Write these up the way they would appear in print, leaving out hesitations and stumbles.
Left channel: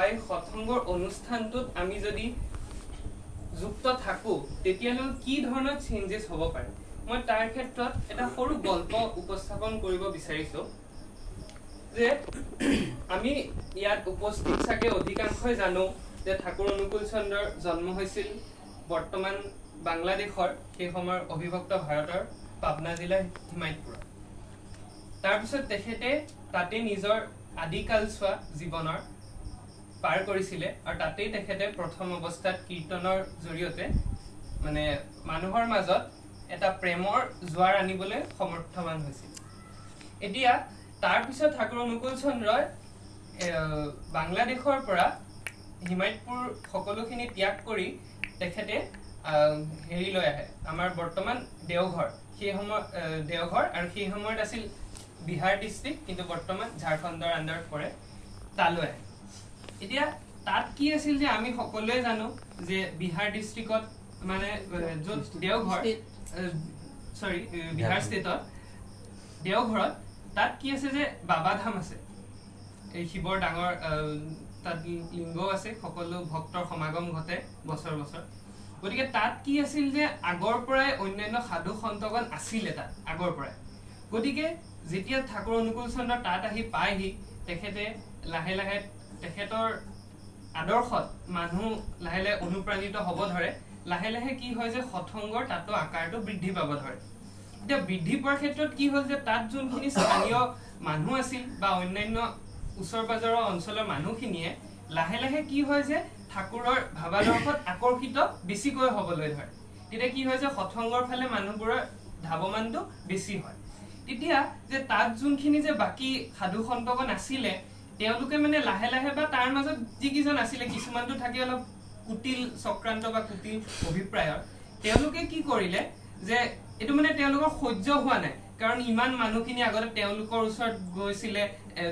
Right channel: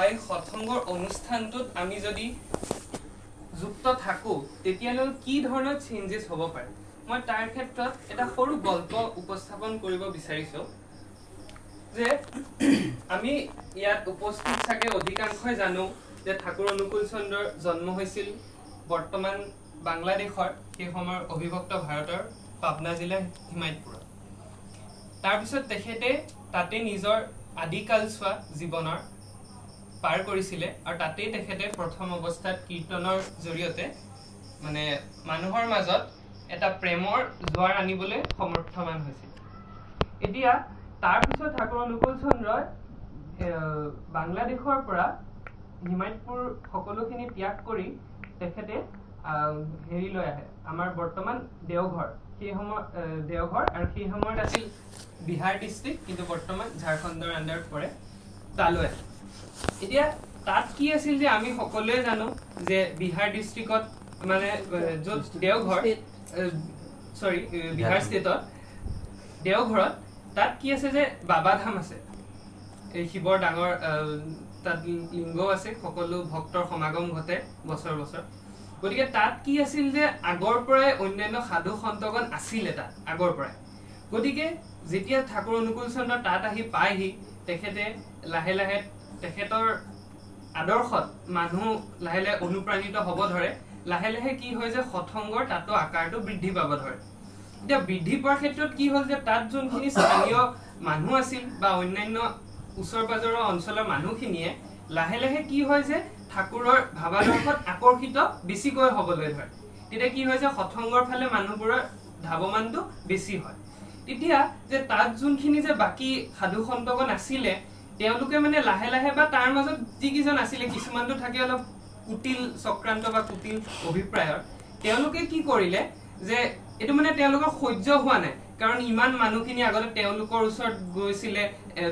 বা এই সৎসংগৰ অনুষ্ঠানটোত আমি যদি যুক্ত থাকো তেতিয়ালৈ কি ধৰণৰ চেঞ্জেছ হ'ব পাৰে মই তাৰ ক্ষেত্ৰত এটা সৰু গল্প উপস্থাপন কৰিব বিচাৰিছো যে আমি ইয়াত উপস্থিত থাকে অধিকাংশই জানো যে ঠাকুৰ অনুকূল চন্দ্ৰৰ জন্ম হৈছিল বৰ্তমান বাংলাদেশৰ সেই সময়ৰ অবিভক্ত ভাৰতৰ পাবনা জিলাৰ হিমায়তপুৰত তাৰ পিছত তেখেতে তাতে নিজৰ আদিকালছোৱা জীৱনৰ পাৰ কৰিছিলে আৰু তাতেই তেখেতে প্ৰথম অৱস্থাত কীৰ্তনৰ জৰিয়তে মানে মানুহৰ মাজত এটা প্ৰেমৰ জোৱাৰ আনিবলৈ সমৰ্থবান হৈছিল এতিয়া তাৰ পিছত ঠাকুৰ অনুকূল চন্দ্ৰই বাংলাদেশৰ পৰা হিমায়তপুৰ সকলোখিনি ত্যাগ কৰি তেখেতে হেৰি লৈ আহে আমাৰ বৰ্তমান দেওঘৰ সেই সময় দেওঘৰ আৰু সেই সময়ত আছিল বিহাৰ ডিস্ট্ৰিক্ট কিন্তু বৰ্তমান ঝাৰখণ্ডৰ আণ্ডাৰত পৰে তালৈ আহে এতিয়া তাত কি আছিল যে আমি সকলোৱে জানো যে বিহাৰ ডিস্ট্ৰিক্টত মানে য'ত দেওঘৰ সৰি বিহাৰ ষ্টেটত দেওঘৰত তাত কি আছে যে বাবা ধাম আছে এই শিৱৰ ডাঙৰ তাত লিংগ আছে সকলো ভক্তৰ সমাগম ঘটে বছৰ বছৰ গতিকে তাত কি আছিল যে আগৰ পৰাই অন্যান্য সাধু সন্তগণ আছিলে তাত আগৰ পৰাই গতিকে যেতিয়া ঠাকুৰ অনুকূল চন্দ্ৰ তাত আহি পায়হি তেখেতে লাহে লাহে তেখেতৰ আদৰ্শত মানুহ লাহে লাহে অনুপ্ৰাণিত হ'ব ধৰে লাহে লাহে কি হয় যে সৎসংগৰ তাতো আকাৰটো বৃদ্ধি পাব ধৰে এতিয়া বৃদ্ধি পোৱাৰ ক্ষেত্ৰত কি হ'ল যে তাত যোনখিনি স্থানীয় মানুহ আছিল বা অন্যান্য ওচৰ পাজৰৰ অঞ্চলৰ মানুহখিনিয়ে লাহে লাহে কি হয় যে ঠাকুৰৰ ভাৱাদৰ্শত আকৰ্ষিত বেছিকৈ হ'বলৈ ধৰে তেতিয়া কি হয় যে সৎসংগৰ ফালে মানুহবোৰৰ ধাৱমানটো বেছি হয় তেতিয়া যে তাত যোনখিনি যে বাকী সাধু সন্তগণ আছিলে তেওঁলোকে মানে লাহে লাহে বা তাৰ মাজত যিকিজন আছিলে কিছুমানটো থাকে অলপ কুটিল চক্ৰান্ত বা কুটিল অভিপ্ৰায়ৰ তেওঁলোকে কি কৰিলে যে এটো মানে তেওঁলোকৰ সহ্য হোৱা নাই কাৰণ ইমান মানুহখিনি আগতে তেওঁলোকৰ ওচৰত গৈছিলে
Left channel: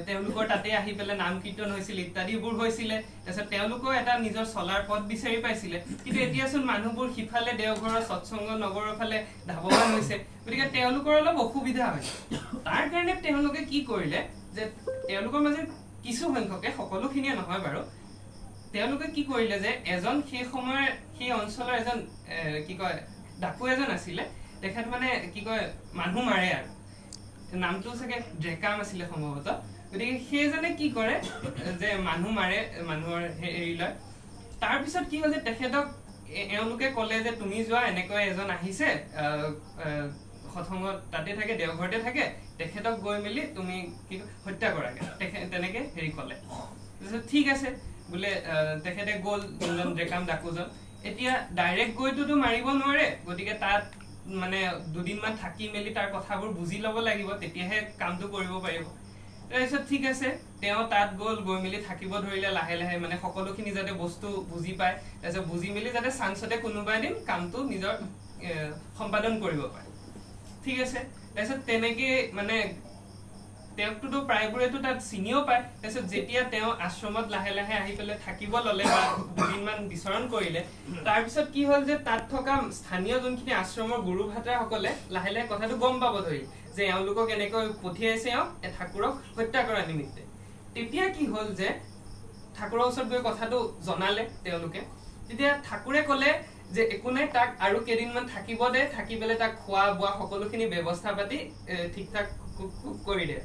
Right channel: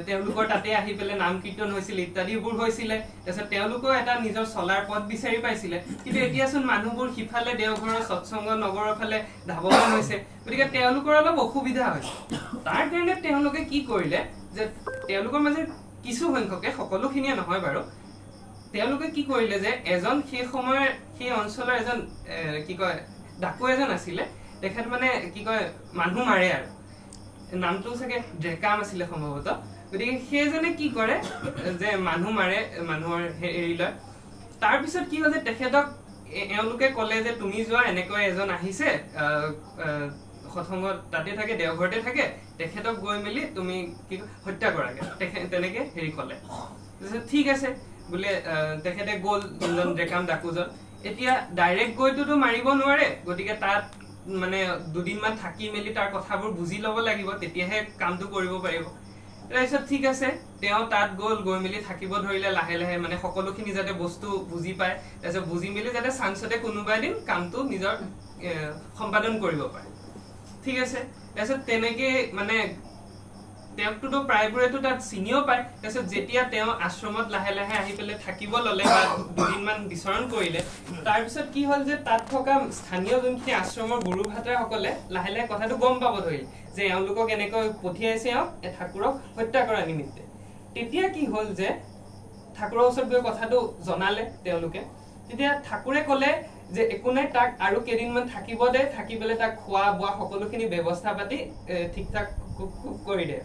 তেওঁলোকৰ তাতে আহি পেলে নাম কীৰ্তন হৈছিল ইত্যাদিবোৰ হৈছিলে তাৰপিছত তেওঁলোকেও এটা নিজৰ চলাৰ পথ বিচাৰি পাইছিলে কিন্তু এতিয়াচোন মানুহবোৰ সিফালে দেওঘৰৰ সৎসংগ নগৰৰ ফালে ধাৱমান হৈছে গতিকে তেওঁলোকৰ অলপ অসুবিধা হৈছে তাৰ কাৰণে তেওঁলোকে কি কৰিলে যে তেওঁলোকৰ মাজে কিছু সংখ্যকে সকলোখিনিয়ে নহয় বাৰু তেওঁলোকে কি কৰিলে যে এজন সেই সময়ৰ সেই অঞ্চলৰ এজন কি কয় ডাকু এজন আছিলে তেখেত মানে কি কয় মানুহ মাৰে আৰু নামটো চাগে ডেকাম আছিলে সম্ভৱতঃ গতিকে সেইজনে কি কৰে যে মানুহ মাৰে মানুহৰ হেৰি লয় তাৰপিছত কি হয় যে তেখেতক এওঁলোকে ক'লে যে তুমি যোৱা এনেকৈ এজন আহিছে সৎসংগত তাতে থাকে দেওঘৰতে থাকে তেখেতক গৈ মেলি তুমি কি হত্যা কৰাগে তেনেকে হেৰি ক'লে ঠিক আছে বোলে তেখেতে গ'ল যোনজন ডেকাম ডাকুজন এতিয়া ডাইৰেক্ট গৈতো মাৰিব নোৱাৰে গতিকে তাত মানে দুদিনমান থাকি মেলি তাৰ কথাবোৰ বুজি ল'ব লাগিব তেতিয়াহে কামটো কৰিব পাৰিব তাৰপিছত ঠিক আছে তেওঁ তাত গৈ মেলি থাকিব ধৰিলে লাহে লাহে মানে সকলোখিনি যাতে বস্তু বুজি পায় তাৰপিছত বুজি মেলি যাতে চান্সতে কোনোবা এদিন কামটো নিজৰ সম্পাদন কৰিব পাৰে ঠিক আছে তাৰপিছত তেনেকে মানে তেওঁকতো প্ৰায়বোৰেতো তাত চিনিও পায় তাৰপিছত যেতিয়া তেওঁ আশ্ৰমত লাহে লাহে আহি পেলাই থাকিব ল'লে বা দুদিনমান বিচৰণ কৰিলে তাৰপিছত কি হ'ল যে তাত থকা স্থানীয় যোনখিনি আশ্ৰমৰ গুৰু ভাতৰাসকলে লাহে লাহে কথাটো গম পাব ধৰিলে যে এওঁলোকক এনেকৈ পঠিয়াইছে ঠাকুৰক হত্যা কৰাৰ নিমিত্তে তেতিয়া কি হ'ল যে ঠাকুৰৰ ওচৰত গৈ কথাটো জনালে তেওঁলোকে তেতিয়া ঠাকুৰে ক'লে যে একো নাই তাক আৰু কেইদিনমান থাকিব দে থাকি পেলাই তাক খোৱা বোৱা সকলোখিনি ব্যৱস্থা পাতি ঠিক ঠাক কৰি দে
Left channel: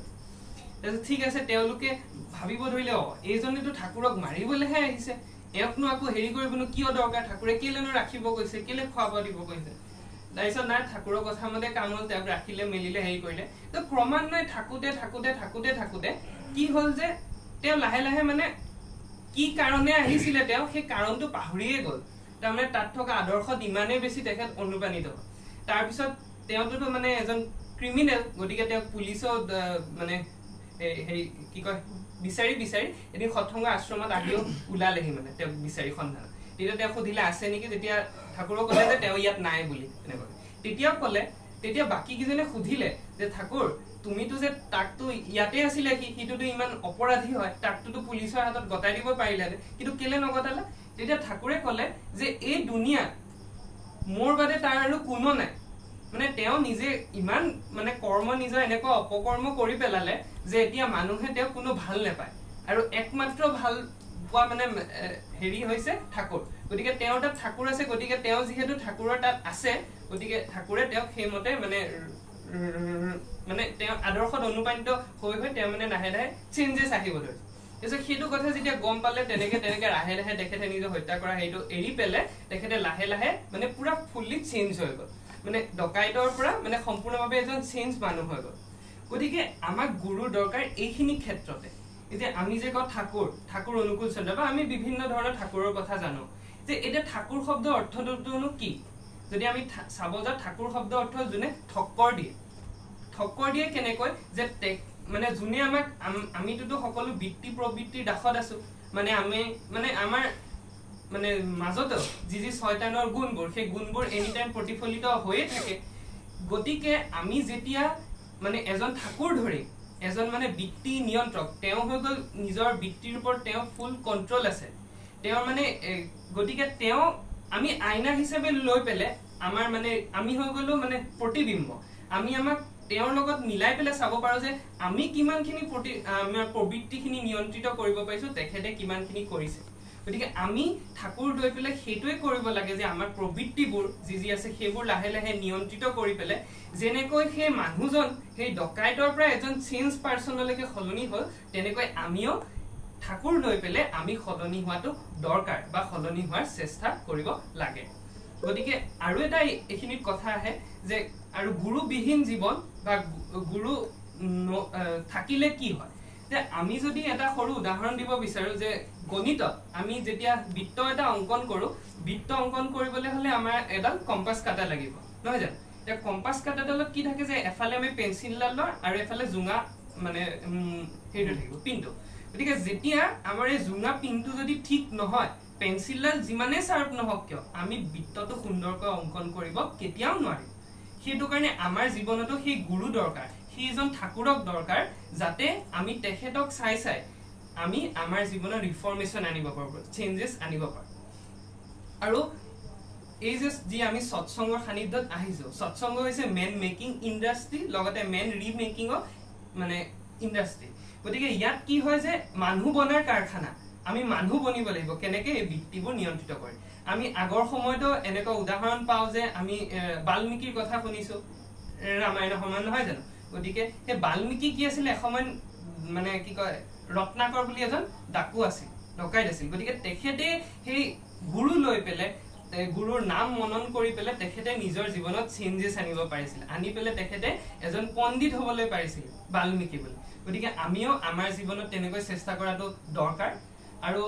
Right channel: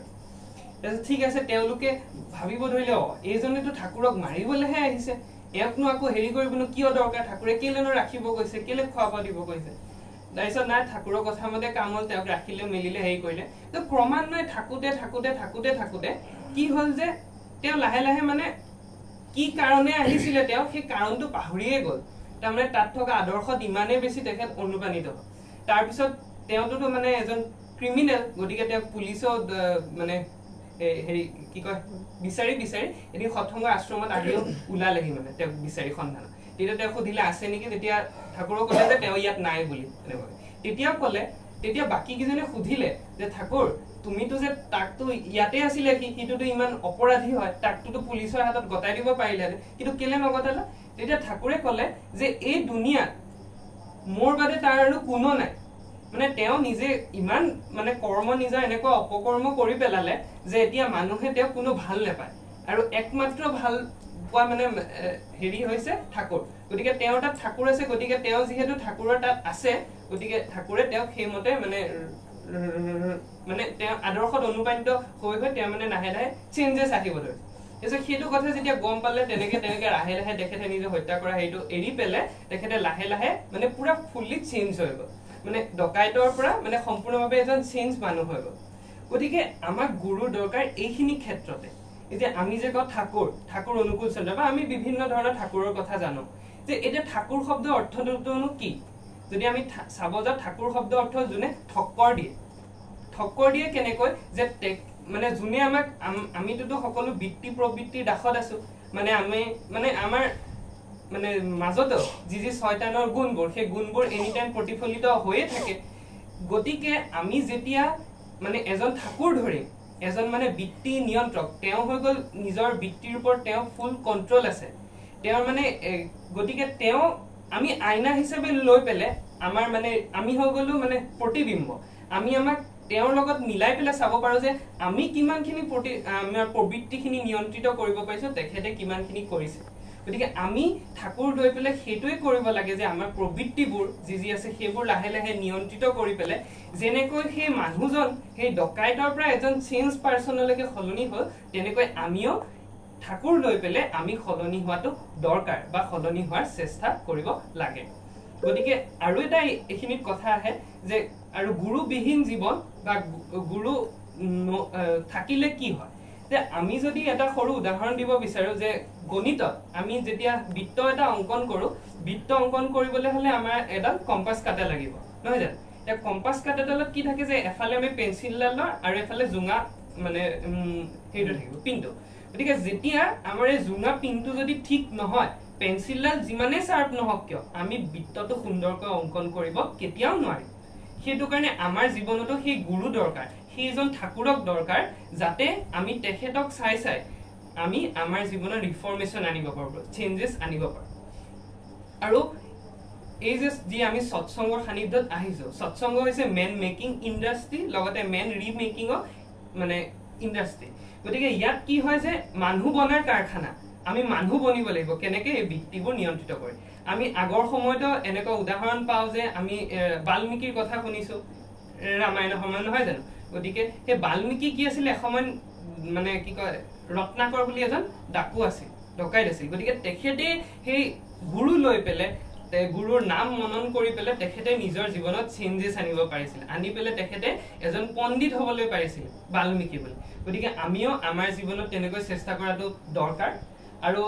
ঠিক আছে তেওঁলোকে ভাবিব ধৰিলে এইজনেতো ঠাকুৰক মাৰিবলৈহে আহিছে এওঁকনো আকৌ হেৰি কৰিবনো কিয় দৰকাৰ ঠাকুৰে কেলেনো ৰাখিব কৈছে কেলে খোৱাব দিব কৈছে তাৰপিছত নাই ঠাকুৰৰ কথা মতে কাম হ'ল তেওঁক ৰাখিলে মেলিলে হেৰি কৰিলে ক্ৰমান্বয়ে থাকোতে কি হ'ল যে তেওঁ লাহে লাহে মানে কি কাৰণে আহিছিলে তেওঁ সেই কাৰণটো পাহৰিয়ে গ'ল তাৰমানে তাত থকা আদৰ্শত ইমানেই বেছি তেখেত অনুপ্ৰাণিত তাৰপিছত তেওঁতো মানে এজন ক্ৰিমিনেল গতিকে তেওঁ পুলিচেও মানে হেৰি কি কয় বিচাৰি এদিন সৎসংগৰ আশ্ৰমত আহিও ওলালেহি মানে তেওঁক বিচাৰি সন্ধান তেতিয়া তেওঁ সুধিলে আছে নেকি তেতিয়া ঠাকুৰক ক'লে যে তেওঁ ইয়াত নাই বুলি এনেকৈ তেতিয়া বাকী কেইজনে সুধিলে যে ঠাকুৰ তুমিতো যে তাকতো ইয়াতে আছিলে সিটোতো ইমান অপৰাধী হয় তাকতো পুলিচৰ হাতত গতাই দিব পাৰিলে কিন্তু কেলে নগতালা তেতিয়া ঠাকুৰে ক'লে যে এই দুনিয়াত মোৰ বাদে তাৰ আৰু কোনো নাই মানে তেওঁ নিজে ইমান মানে কৰ্ম নিজৰ এনেকুৱা অপকৰ্ম কৰি পেলালে যে এতিয়া মানুহে তেওঁ কোনো ভাল নাপায় আৰু একমাত্ৰ ভাল কোৱা মানে হেৰি হৈছে ঠাকুৰ গতিকে তেওঁ তাত ঠাকুৰ আছে গতিকে তেওঁ যেহেতু ঠাকুৰৰ তাত আছে গতিকে ঠাকুৰে তেওঁক সেইমতে মানে তেওঁ আদৰ্শত অনুপ্ৰাণিত হৈ তেওঁ মানে লাহে লাহে চেঞ্জেছ আহিব ধৰিছে তাৰপিছত সেইটো কথা যেতিয়া গম পালে তেনেকে লাহে লাহে তেখেতে নিজৰ হত্যা কৰা সেইটো এৰি পেলে তেখেতে লাহে লাহে মানে পুৰা ফুল্লি চেঞ্জ হৈ গ'ল মানে ডকাইতৰ পৰা মানে সম্পূৰ্ণভাৱে এজন চেঞ্জ মানুহ হৈ গ'ল গতিকে আমাক গুৰুৰ দৰকাৰ এইখিনি ক্ষেত্ৰতে এতিয়া আমি যে কওঁ ঠাকুৰ অনুকূল চন্দ্ৰ বা আমি বিভিন্ন ধৰণৰ ঠাকুৰৰ কথা জানো যে এতিয়া ঠাকুৰ শব্দ অৰ্থটোনো কি যদি আমি চাব যাওঁ ঠাকুৰ শব্দ অৰ্থ যোনে ঠক্কৰ দিয়ে কেনেকৈ যে মানে যোনে আমাক আমিতো সকলো বৃত্তি প্ৰবৃত্তিৰ দাসত আছো মানে আমি মানে আমাৰ মানে মাজতো যি শয়তানৰ গুণবোৰ সেই গুণবোৰ এনি টাইম প্ৰতিফলিত হৈয়ে থাকে গতিকে আমি যেতিয়া মানে এজন ঠাকুৰ ধৰি এজন মানে বৃত্তি নিয়ন্ত্ৰক তেওঁ হৈ গ'ল নিজৰ বৃত্তিৰ ওপৰত তেওঁ ফুল কন্ট্ৰল আছে তেওঁ মানে গতিকে তেওঁ আমি আইনা হিচাপে লৈ পেলে আমাৰ মানে আমি হৈ গ'লো মানে প্ৰতিবিম্ব আমি আমাক তেওঁৰ লগত মিলাই পেলাই চাব পাৰো যে আমি কিমানখিনি আমাৰ প্ৰবৃত্তিখিনি নিয়ন্ত্ৰিত কৰিব পাৰিছো তেখেতে কিমানখিনি কৰিছে গতিকে আমি ঠাকুৰ লৈ পেলাই সেইটোৱে কৰিব লাগে যে আমাৰ প্ৰবৃত্তিবোৰ যি আছে সেইবোৰ লাহে লাহে নিয়ন্ত্ৰিত কৰি পেলাই যেনেকৈ সেই মানুহজন সেই ডকাইতৰ পৰা এজন চেঞ্জ পাৰ্চনলৈকে সলনি হ'ল তেনেকৈ আমিও ঠাকুৰ লৈ পেলাই আমি সলনি হোৱাটো দৰকাৰ বা সলনি হোৱাৰ চেষ্টা কৰিব লাগে গতিকে আৰু এটা এইখিনিত কথা আহে যে আৰু গুৰুবিহীন জীৱন বা গুৰু থাকিলে কি হয় যে আমি যদি এটা সৰু উদাহৰণ দিব বিচাৰো যে গণিতত আমি যেতিয়া বৃত্ত এটা অংকন কৰো বৃত্ত অংকন কৰিবলৈ হলে আমাৰ এডাল কম্পাছ কাটা লাগিব নহয় জানো এতিয়া কম্পাছ কাটাডালত কি থাকে যে এফালে আমি পেঞ্চিলডাল আৰু এফালে জোঙা মানে সেইটো থাকিব পিনটো গতিকে যেতিয়া আমাৰ এই জোঙা পিনটো যদি ঠিক নহয় পেঞ্চিলডাল যিমানে শাৰ্প নহওক কিয় আমি বৃত্তটো সুন্দৰকৈ অংকন কৰিব কেতিয়াও নোৱাৰিম সেইটো কাৰণে আমাৰ জীৱনতো সেই গুৰু দৰকাৰ সেইজন ঠাকুৰক দৰকাৰ যাতে আমি তেখেতক চাই আমি আমাৰ জীৱনৰ ৰিফৰ্মেশ্যন আনিব পাৰো চেঞ্জেছ আনিব পাৰো আৰু এই যে আমি সৎসংগৰ সানিধ্যত আহিছো সৎসংগ হৈছে মেন মেকিং ইণ্ডাষ্ট্ৰি লগতে মেন ৰিমেকিং মানে ইণ্ডাষ্ট্ৰি গতিকে ইয়াত কি হয় যে মানুহ বনাৰ কাৰখানা আমি মানুহ বনিব লাগিব কেনেকে এই বৃত্তিবোৰ নিয়ন্ত্ৰিত কৰে আমি আগৰ সময়তো এনেকুৱা উদাহৰণ পাওঁ যে আমি বাল্মীকিৰ কথা শুনিছো ৰামায়ণৰ সময় নহয় জানো গতিকে সেই বাল্মীকি কি আছিল এসময় মানে কি কয় ৰত্নাকৰ বুলি এজন ডাকু আছিল ডকাইত আছিল গতিকে তেখেতে সেই গুৰু লৈ পেলে গুৰুৰ নাম মনন কৰি পেলে তেখেতে নিজৰ জীৱনত চেঞ্জেছ আনিব পাৰিছিল আনি পেলে তেখেতে এজন পণ্ডিত হ'বলৈ পাৰিছিল বাল্মীকি বুলি গতিকে আমিও আমাৰ জীৱনত তেনেকৈ চেষ্টা কৰাটো দৰকাৰ আৰু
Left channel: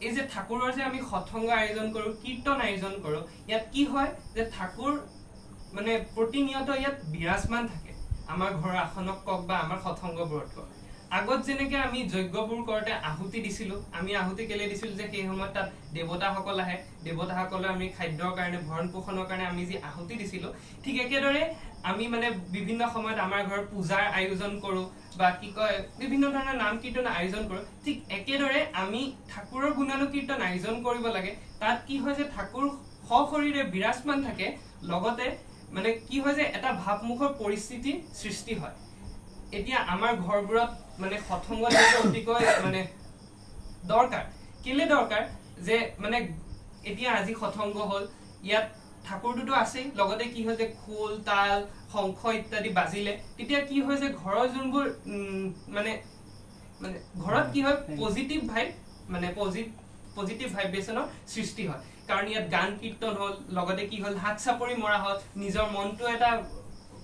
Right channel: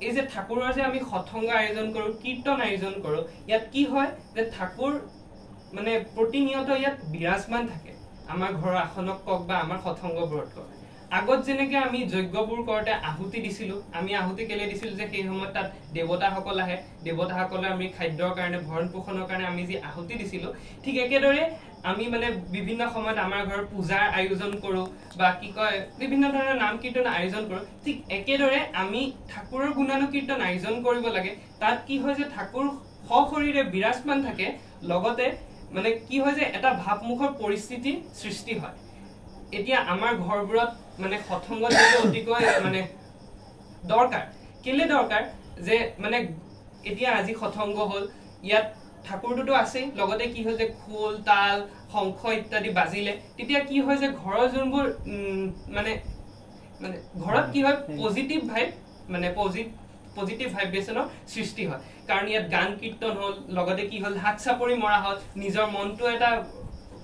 এই যে ঠাকুৰৰ যে আমি সৎসংগ আয়োজন কৰো কীৰ্তন আয়োজন কৰো ইয়াত কি হয় যে ঠাকুৰ মানে প্ৰতিনিয়ত ইয়াত বিৰাজমান থাকে আমাৰ ঘৰৰ আসনক কক বা আমাৰ সৎসংগবোৰত কক আগত যেনেকে আমি যজ্ঞবোৰ কৰতে আহুতি দিছিলো আমি আহুতি কেলে দিছিলো যে সেই সময়ত তাত দেৱতাসকল আহে দেৱতাসকলে আমি খাদ্যৰ কাৰণে ভৰণ পোষণৰ কাৰণে আমি যি আহুতি দিছিলো ঠিক একেদৰে আমি মানে বিভিন্ন সময়ত আমাৰ ঘৰৰ পূজাৰ আয়োজন কৰো বা কি কয় বিভিন্ন ধৰণৰ নাম কীৰ্তন আয়োজন কৰো ঠিক একেদৰে আমি ঠাকুৰৰ গুণানুকীৰ্তন আয়োজন কৰিব লাগে তাত কি হয় যে ঠাকুৰ সশৰীৰে বিৰাজমান থাকে লগতে মানে কি হয় যে এটা ভাবমুখৰ পৰিস্থিতি সৃষ্টি হয় এতিয়া আমাৰ ঘৰবোৰত মানে সৎসংগ অতিকৈ মানে দৰকাৰ কেলে দৰকাৰ যে মানে এতিয়া আজি সৎসংগ হল ইয়াত ঠাকুৰটোতো আছেই লগতে কি হয় যে খোল তাল শংখ ইত্যাদি বাজিলে তেতিয়া কি হয় যে ঘৰৰ যোনবোৰ মানে মানে ঘৰত কি হয় পজিটিভ ভাইব মানে পজিটিভ ভাইব্ৰেচনৰ সৃষ্টি হয় কাৰণ ইয়াত গান কীৰ্তন হল লগতে কি হল হাত চাপৰি মৰা হল নিজৰ মনটো এটা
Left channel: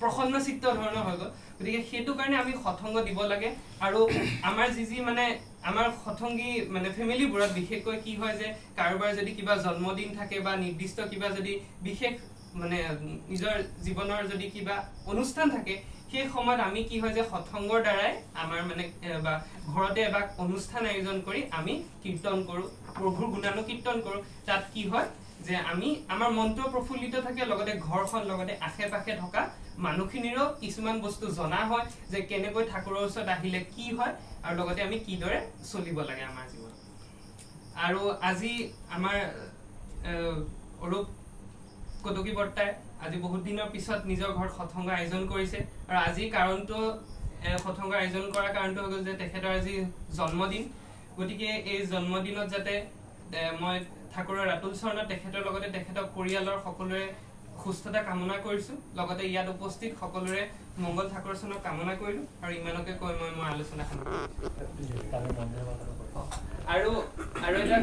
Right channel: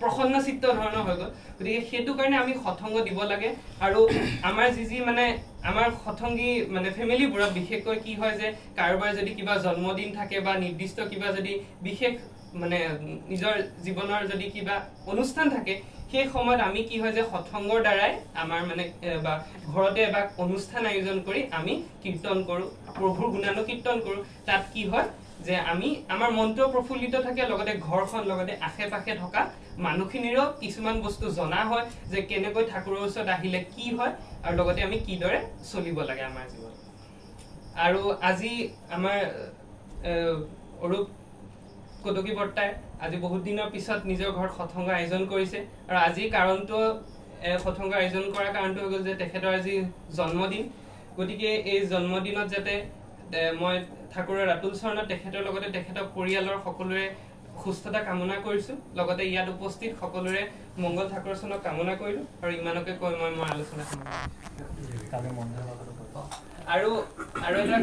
প্ৰসন্ন চিত্ত ধৰণৰ হৈ গ'ল গতিকে সেইটো কাৰণে আমি সৎসংগ দিব লাগে আৰু আমাৰ যি মানে আমাৰ সৎসংগী মানে ফেমিলিবোৰত বিশেষকৈ কি হয় যে কাৰোবাৰ যদি কিবা জন্মদিন থাকে বা নিৰ্দিষ্ট কিবা যদি বিশেষ মানে নিজৰ জীৱনৰ যদি কিবা অনুষ্ঠান থাকে সেই সময়ত আমি কি হয় যে সৎসংগৰ দ্বাৰাই আমাৰ মানে বা ঘৰতে বা অনুষ্ঠান আয়োজন কৰি আমি কীৰ্তন কৰো প্ৰভুৰ গুণানুকীৰ্তন কৰো তাত কি হয় যে আমি আমাৰ মনটো প্ৰফুল্লিত থাকে লগতে ঘৰখন লগতে আশে-পাশে থকা মানুহখিনিৰো কিছুমান বস্তু জনা হয় যে কেনেকৈ ঠাকুৰৰ ওচৰত আহিলে কি হয় আৰু লগতে আমি কিদৰে চলিব লাগে আমাৰ জীৱনত আৰু আজি আমাৰ অৰূপ কটকী বৰ্তাই আজি বহুত দিনৰ পিছত নিজৰ ঘৰত সৎসংগ আয়োজন কৰিছে আৰু আজি কাৰণটো সৎসংগ আয়োজন কৰাৰ কাৰণটো হৈ গ'ল যে তেখেতৰ আজি জন্মদিন গতিকে এই জন্মদিনত যাতে মই ঠাকুৰৰ ৰাতুল চৰণত তেখেতৰ লগতে তেখেতৰ পৰিয়ালৰ সকলোৰে সুস্থতা কামনা কৰিছো লগতে ইয়াত উপস্থিত সকলোৰে মংগল ঠাকুৰ চৰণক কামনা কৰিলো আৰু ইমানকে কৈ মই মোৰ আলোচনা সামৰিছো আৰু এটা